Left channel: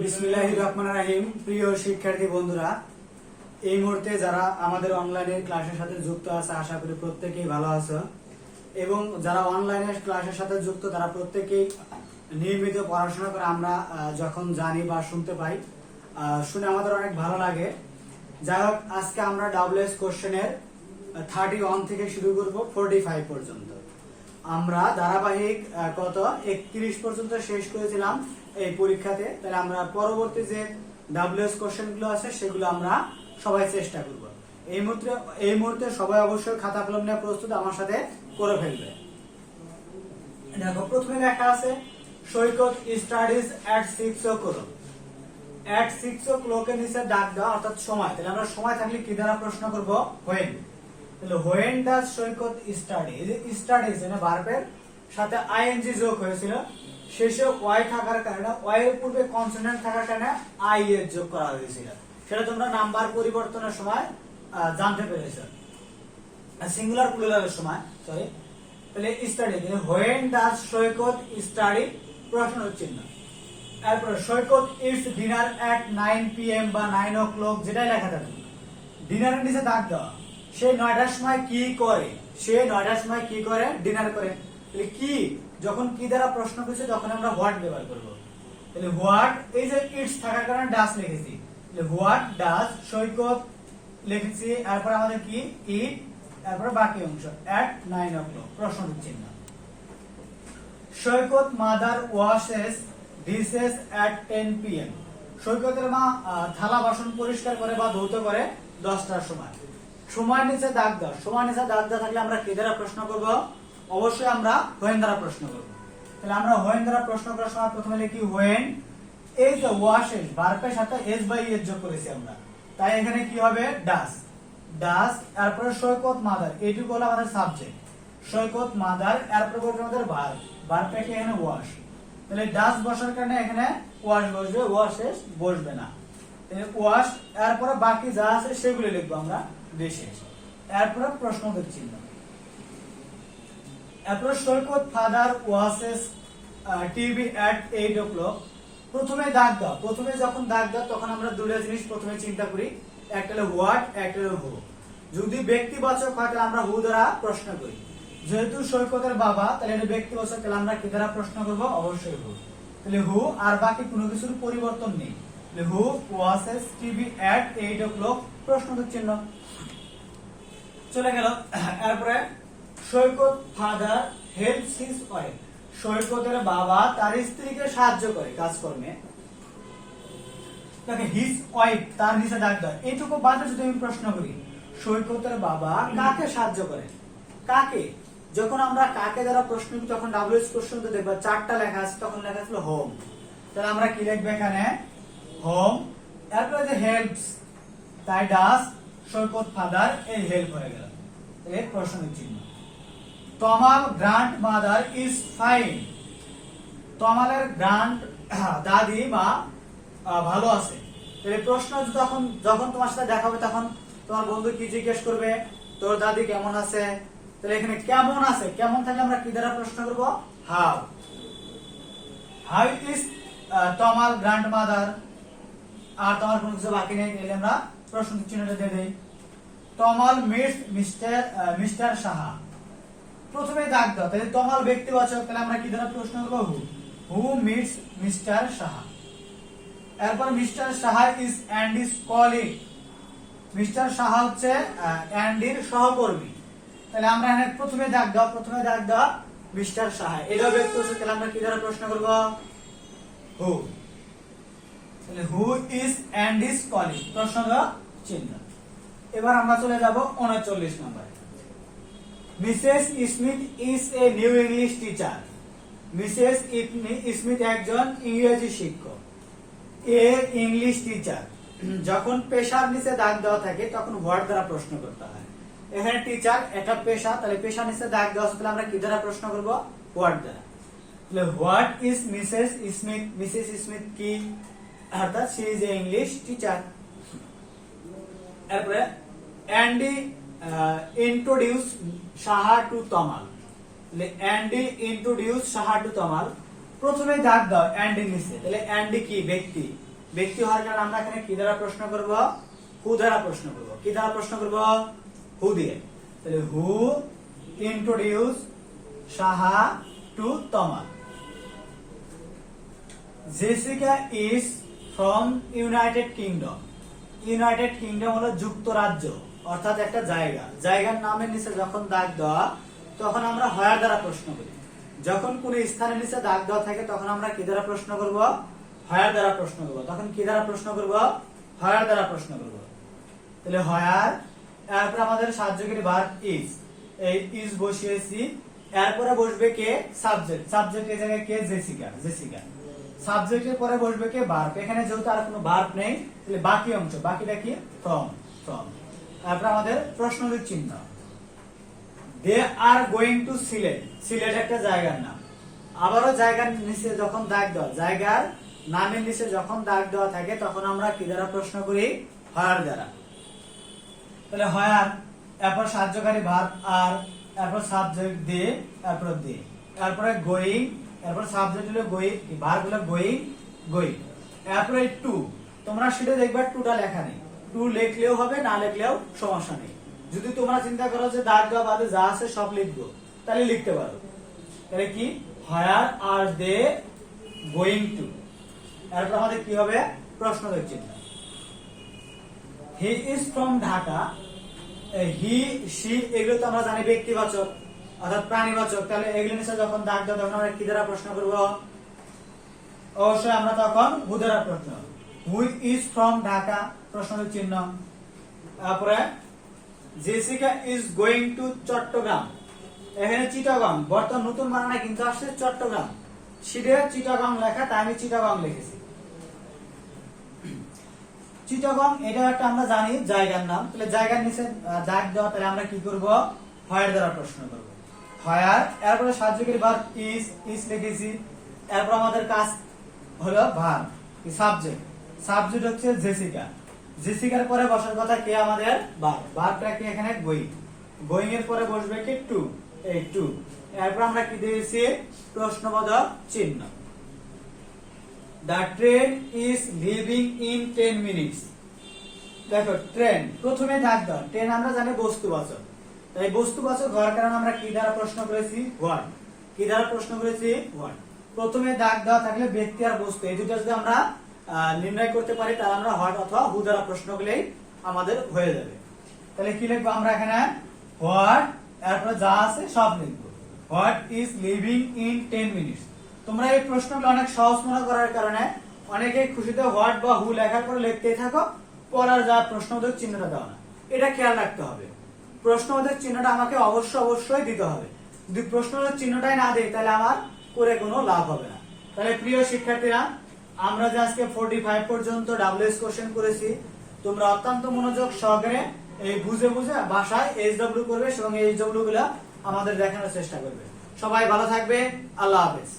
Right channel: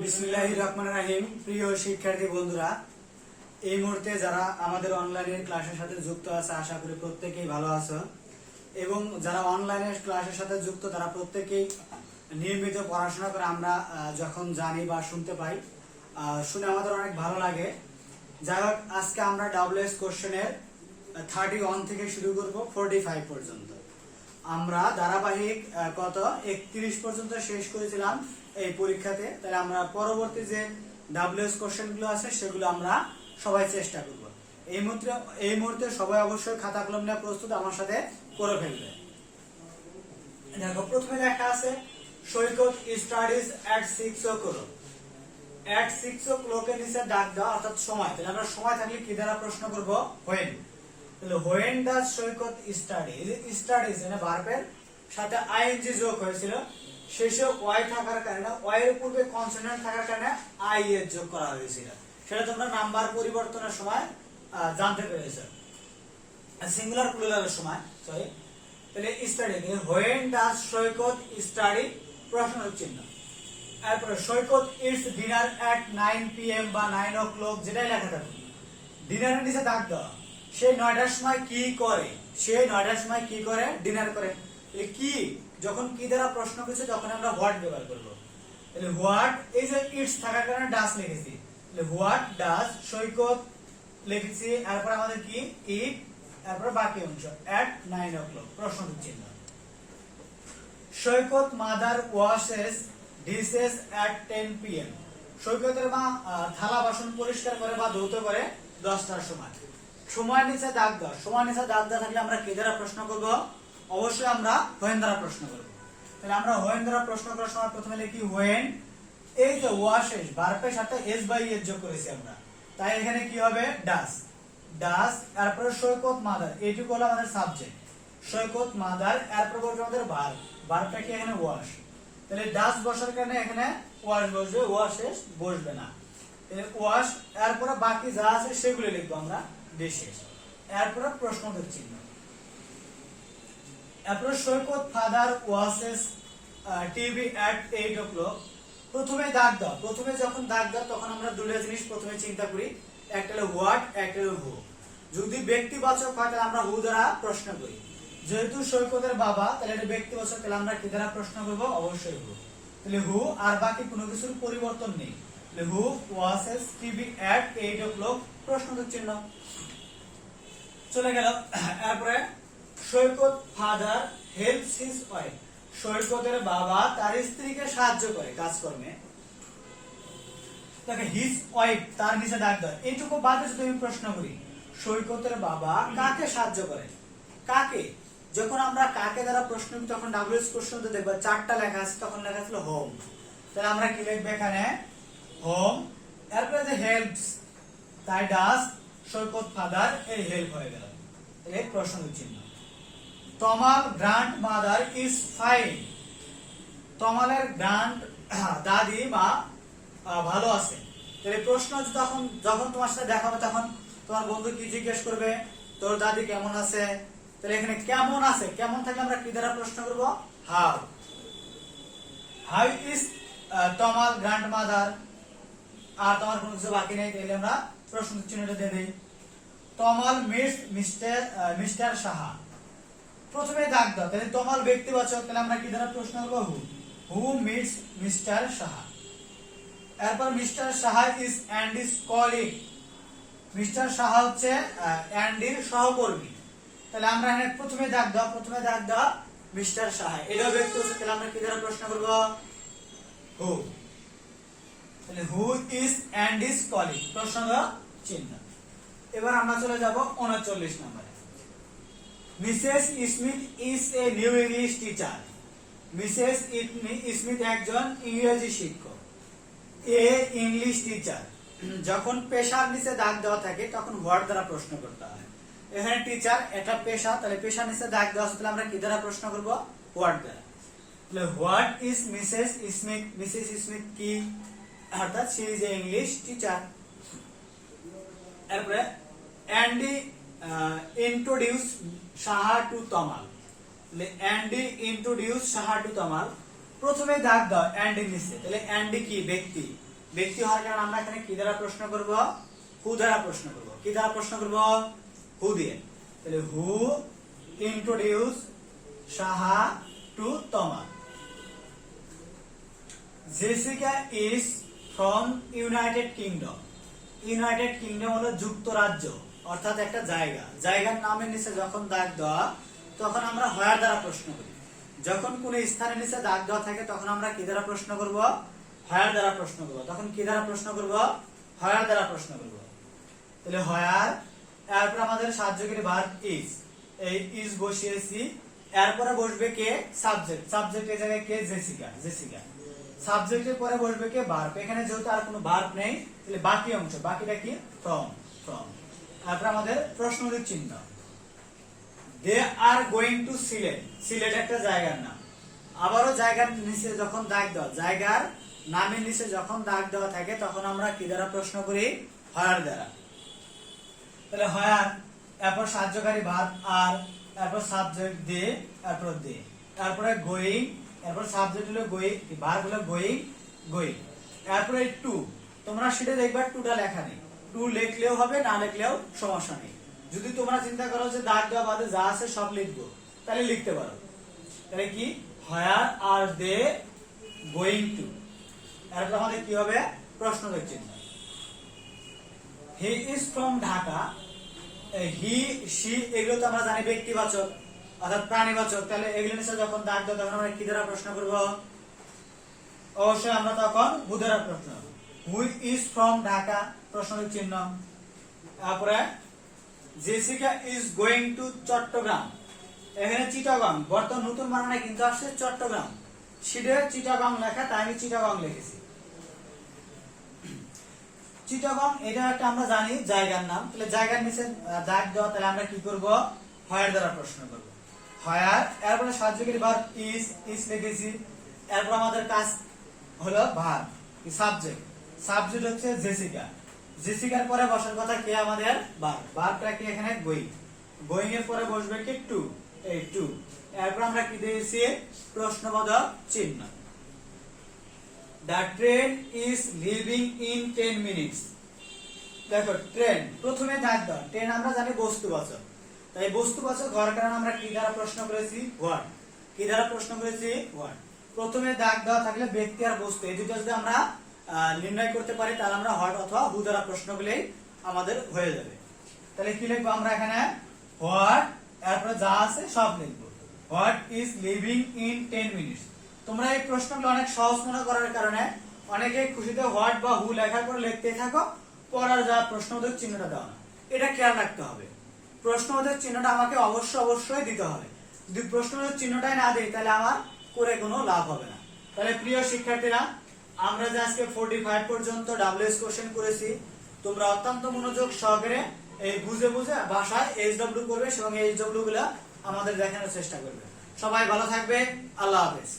বিসমিল্লাহির রহমানির রহিম। প্রিয় শিক্ষার্থী বন্ধুরা, এই মুহূর্তে যারা আমাদের অনলাইনে ক্লাসের সাথে যুক্ত আছে আশা করি প্রত্যেকেই ভালো আছো, এবং যারা অনলাইনে ক্লাসের সাথে যুক্ত তারা প্রত্যেকেই নিয়মিত পড়াশোনা করে আমরা যখন জানি বা শুনতে পাই, শুনে আমাদের অনেক ভালো লাগে। যাই হোক, আজকে আমরা ডাব্লিউএস কোশ্চেনের 31 থেকে শুরু করব 45 পর্যন্ত। আমরা ধারাবাহিক 31 পর্যন্ত শেষ করেছিলাম এই পরীক্ষাতে। তাহলে আমরা পরবর্তী যে ডাব্লিউএস কোশ্চেন গুলো আছে সেগুলো আমরা সবাই চেষ্টা করব। এই মুহূর্তে সবাই অবশ্যই খাতা কলম নিয়ে প্রস্তুত আমার সাথে করে ফেলবে। দেখো, প্রথমে লেখা আছে সৈকত স্টাডিজ এট 6 o'clock। এট 6 o'clock এর নিচে ডাক দাও, অর্থাৎ সময়। তাহলে আমরা সময় থাকলে কি দ্বারা প্রশ্ন করব? হোয়েন। তাহলে when does Saikat study, studies এর ভার্বের সাথে আইএনজি যোগ হয়েছিল, শেষে ওয়াই থাকার কারণে, ওয়াই এর পূর্বে কনসোনেন্ট থাকার কারণে আই এর যোগ করা হয়েছিল। সেটা তোমরা নাম্বার পরিবর্তনের সময় জানতে পেরেছো, সিঙ্গুলার প্লুরালের সময়। সরি, তাহলে study, when does Saikat study, প্রশ্ন চিহ্ন। এরপর সৈকত ইটস ডিনার এট 9 PM বা 9 o'clock, যেটাই লেখা থাকুক, ডিনারের নিচে দাগ দেওয়া। সে 9টার সময় কি করে? সে 9টার সময় কি করে? ডিনার করে। তাহলে কি, যখন কি দ্বারা প্রশ্ন করছে তখন আমরা হোয়াট ব্যবহার করব। তাহলে হোয়াট, এই যে ইটস থাকার কারণে ডাজ লিখেছি, তাহলে হোয়াট ডাজ সৈকত লিখেছি। এরপর আমাদের কি ইট, এরপর বাকি অংশ এট 9 o'clock, প্রশ্ন চিহ্ন। সৈকত মাদার ওয়াশেস ডিশেস এট 10 PM। সৈকতের মা থালা বাসন পরিষ্কার করে বা ধৌত করে 10টার সময়। সময় নিচে দাগ দাও, সময় নিচে দাগ দেওয়া থাকলে আমরা কি দ্বারা প্রশ্ন করব? অবশ্যই আমরা হোয়েন দ্বারা প্রশ্ন করব। তাহলে আমরা হোয়েন দ্বারা প্রশ্ন করার সময় প্রথমে লিখি হোয়েন, এই যে ওয়াশেস ভার্বের সাথে এস বাই এস যোগ করেছি আমরা, তাই এখানে কি হবে? ডাস। ডাস, এরপরে সৈকত মাদার, এইটুকু হলো আমাদের সাবজেক্ট। সৈকত মাদার, এরপর বলছে আমাদের ভার্ব, ভার্বটা কি এখানে ওয়াশ। তাহলে ডাস বসার কারণে এখানে ওয়াশ বসবে, ওয়াশেস বসবে না। ওয়াশ, এরপরে বাকি যা আছে সেগুলো লিখবো আমরা, ডিশেস। এরপরে প্রশ্নবোধক চিহ্ন। এরপরে Saikat father washes TV at 8 o'clock। প্রথমে দাগ দাও, প্রথমে যখন দাগ দাও তখন আমরা দুটো জিনিস প্রথমে চিন্তা করি, একটা হলো হোয়াট, একটা হলো হু। যদি ব্যক্তিবাচক হয় তাহলে আমরা হু দ্বারা প্রশ্ন করি। যেহেতু সৈকতের বাবা, তাহলে এটা ব্যক্তিবাচক, তাহলে আমরা কি দ্বারা প্রশ্ন করব? অবশ্যই হু। তাহলে হু, আর বাকি কোনো কিছুর পরিবর্তন নেই। হু ওয়াশেস টিভি এট 8 o'clock, প্রশ্নবোধক চিহ্ন। চলে গেল। এরপরে Saikat father helps his wife. সৈকতের বাবা তার স্ত্রীকে সাহায্য করে কাজকর্মে। দেখো, হিজ ওয়াইফ, তার নিচে ডাক দাও। এইটুকু বাদে যদি আমি প্রশ্ন করি, সৈকতের বাবা কাকে সাহায্য করে? কাকে? যখন আমরা কাকে দ্বারা প্রশ্ন করি তখন ডাব্লিউএস কোশ্চেন তো দেখবা 4টা লেখা আছে, তখন লেখা ছিল হোম। তাহলে আমরা কি লিখবো এখানে? হোম। এরপরে যে হেল্পস, তাই ডাস সৈকত ফাদার, এই হেল্প হয়ে গেল, এই প্রশ্নের চিহ্ন। তমাল গ্র্যান্ড মাদার ইজ ফাইন। তমালের গ্র্যান্ড দাদি মা ভালো আছে। তাহলে প্রশ্ন যখন তোমার সাথে দেখাবে তখন তোমার বন্ধু কি জিজ্ঞেস করবে? তোর দাদি কেমন আছে? তাহলে এখানে কেমন আছে, কেমন থাকলে আমরা কি দ্বারা প্রশ্ন করব? How. How is Tamal grandmother. আর তোমার কোনো কিছু বাকি নেই, তাহলে আমরা প্রশ্ন চিহ্নটা দিয়ে দেই। তমাল মিটস মিস্টার সাহা। প্রথমে দাগ দাও, তাহলে তমাল ব্যক্তিবাচক, তাহলে আমরা কি দ্বারা প্রশ্ন করব? Who. Who meets mister Saha. এরপর mister Saha is Andy's colleague. Mister Saha হচ্ছে অ্যান্ডির সহকর্মী। তাহলে আমরা এখানে প্রথমে দাগ দাও, প্রথমে দাগ দাও মিস্টার সাহা, এটাও ব্যক্তিবাচক, তাহলে আমরা কি দ্বারা প্রশ্ন করব? হু। তাহলে হু ইজ অ্যান্ডিস কলিগ, প্রশ্নবোধক চিহ্ন। এবার আমরা চলে যাব 39 নম্বরে। Mrs Smith is a new English teacher. Mrs Smith একজন ইংরেজি শিক্ষক। এ ইংলিশ টিচার, যখন পেশার নিচে দাগ দেওয়া থাকে তখন হোয়াট দ্বারা প্রশ্ন করতে হয়। এখানে টিচার, এটা পেশা, তাহলে পেশার নিচে দাগ দেওয়া আছে, তাহলে আমরা কি দ্বারা প্রশ্ন করব? হোয়াট দ্বারা। তাহলে what is Mrs Smith, Mrs Smith কি? অর্থাৎ she is a English teacher. এরপরে Andy introduce Saha to Tamal. Andy introduce Saha to Tamal, প্রথমে দাগ দাও এন্ড এর নিচে, তাহলে এন্ড কি? ব্যক্তি। ব্যক্তি হওয়ার কারণে আমরা এখানে কি দ্বারা প্রশ্ন করব? হু দ্বারা প্রশ্ন করব। কি দ্বারা প্রশ্ন করব? হু দিয়ে। তাহলে হু ইন্ট্রোডিউস সাহা টু তমা। Jessica is from United kingdom. United kingdom হলো যুক্তরাজ্য, অর্থাৎ একটা জায়গা। জায়গার নামের নিচে যখন দাগ দেওয়া তখন আমরা হোয়ার দ্বারা প্রশ্ন করি। যখন কোন স্থানের নিচে দাগ দেওয়া থাকে তখন আমরা কি দ্বারা প্রশ্ন করব? হোয়ার দ্বারা প্রশ্ন করব। তখন কি দ্বারা প্রশ্ন করব? হোয়ার দ্বারা প্রশ্ন করব। তাহলে হোয়ার, এরপর আমাদের সাহায্যকারী ভার্ব ইজ, এই ইজ বসিয়েছি। এরপরে বসবে কে? সাবজেক্ট। সাবজেক্ট এই জায়গায় কে? জেসিকা। জেসিকা। সাবজেক্টের পরে বসবে কে? ভার্ব। এখানে যেহেতু আর কোনো ভার্ব নেই তাহলে বাকি অংশ, বাকিটা কি? ফ্রম। ফ্রম। তারপর আমাদের প্রশ্নবোধক চিহ্ন। They are going to Sylhet. Sylhet একটা জায়গার নাম। আবারও জায়গার নিচে যখন দাগ দেওয়া, জায়গার নামের নিচে যখন দাগ দেওয়া থাকে তখন আমরা কি দ্বারা প্রশ্ন করি? হোয়ার দ্বারা। তাহলে হোয়ার, এরপর সাহায্যকারী ভার্ব আর, এরপর সাবজেক্ট দে, এরপর দে, তারপরে গোয়িং, এরপর সাবজেক্ট হলো গোয়িং, ভার্ব হলো গোয়িং, গোয়িং। এরপরে টু, তোমরা সেটা দেখবে টুটা লেখা নেই। টু লিখলেও হবে, না লিখলেও সমস্যা নেই। যদি তোমরা চিন্তা করো যে দাগ দেওয়া বাদে যা আছে সব লিখবো, তাহলে লিখতে পারো। তাহলে কি? Where are they going to. এরপর আমাদের কি হবে? প্রশ্নবোধক চিহ্ন। He is from Dhaka. He, she এগুলো তো আমরা জানি ব্যক্তিবাচক অর্থাৎ প্রাণীবাচক। তাহলে এগুলো নিচে যখন দাগ দেওয়া তখন আমরা কি দ্বারা প্রশ্ন করব? অবশ্যই আমরা তখন হু দ্বারা প্রশ্ন। হু ইজ ফ্রম ঢাকা, প্রশ্নবোধক চিহ্ন। তারপরে Jessica is going to Chattogram. এখানে চিটাগং, বর্তমান নতুন বানানে কিন্তু আসছে চট্টগ্রাম। সিডে চিটাগং লেখা, তাই আমি চিটাগং লিখেছি। চিটাগং এটা একটা আমরা জানি জায়গার নাম। তাহলে জায়গার নিচে দাগ দেওয়া, তাহলে আমরা কি করব? হোয়ার দ্বারা প্রশ্ন করব। হোয়ার, এরপরে সাহায্যকারী ভার্ব ইজ, ইজ লিখেছি। এরপর আমাদের কাজ হলো ভার্ব, সাবজেক্ট। সাবজেক্ট হচ্ছে জেসিকা। জেসিকার পরে বসার কথা কে? আমাদের ভার্ব। ভার্বটা কি? এখানে গোয়িং। গোয়িং এর পরে বসবে কি? টু, এই টু। এরপর আমরা কি দিয়েছি? প্রশ্নবোধক চিহ্ন। The train is leaving in 10 minutes. দেখো ট্রেন, প্রথমে দাগ দাও। ট্রেন আমরা জানি বস্তুবাচক, তাই বস্তুবাচক হওয়ার কারণে আমরা কি দ্বারা প্রশ্ন করেছি? হোয়াট। কি দ্বারা প্রশ্ন করেছি? হোয়াট। প্রথমে দাগ দেওয়া থাকলে ব্যক্তি আর বস্তু এই দুটো যদি আমরা নির্ণয় করতে পারি তাহলে আমরা হোয়াট অথবা হু দ্বারা প্রশ্ন করলেই আমাদের হয়ে যাবে। তাহলে কি লিখবো আমরা এখানে? হোয়াট, এরপরে যা আছে সব লিখবো। What is living in 10 minutes. তোমরা এই প্রশ্নগুলো অনেক সহজ মনে করার কারণে অনেকে খুশিতে হোয়াট বা হু লেখার পরে লিখতে থাকো, পড়ার যা প্রশ্নবোধক চিহ্নটা দেওয়া না। এটা খেয়াল রাখতে হবে। প্রশ্নবোধক চিহ্নটা আমাকে অবশ্যই দিতে হবে। যদি প্রশ্নবোধক চিহ্নটাই না দেই তাহলে আমার করে কোনো লাভ হবে না। তাহলে প্রিয় শিক্ষার্থীরা, আমরা যে আজকে 45 পর্যন্ত WS কোশ্চেন করেছি, তোমরা অত্যন্ত মনোযোগ সহকারে এই বুঝে বুঝে বাসায় SW করবে এবং SW গুলা আমাদের দেখানোর চেষ্টা করবে। সবাই ভালো থাকবে। আল্লাহ হাফেজ।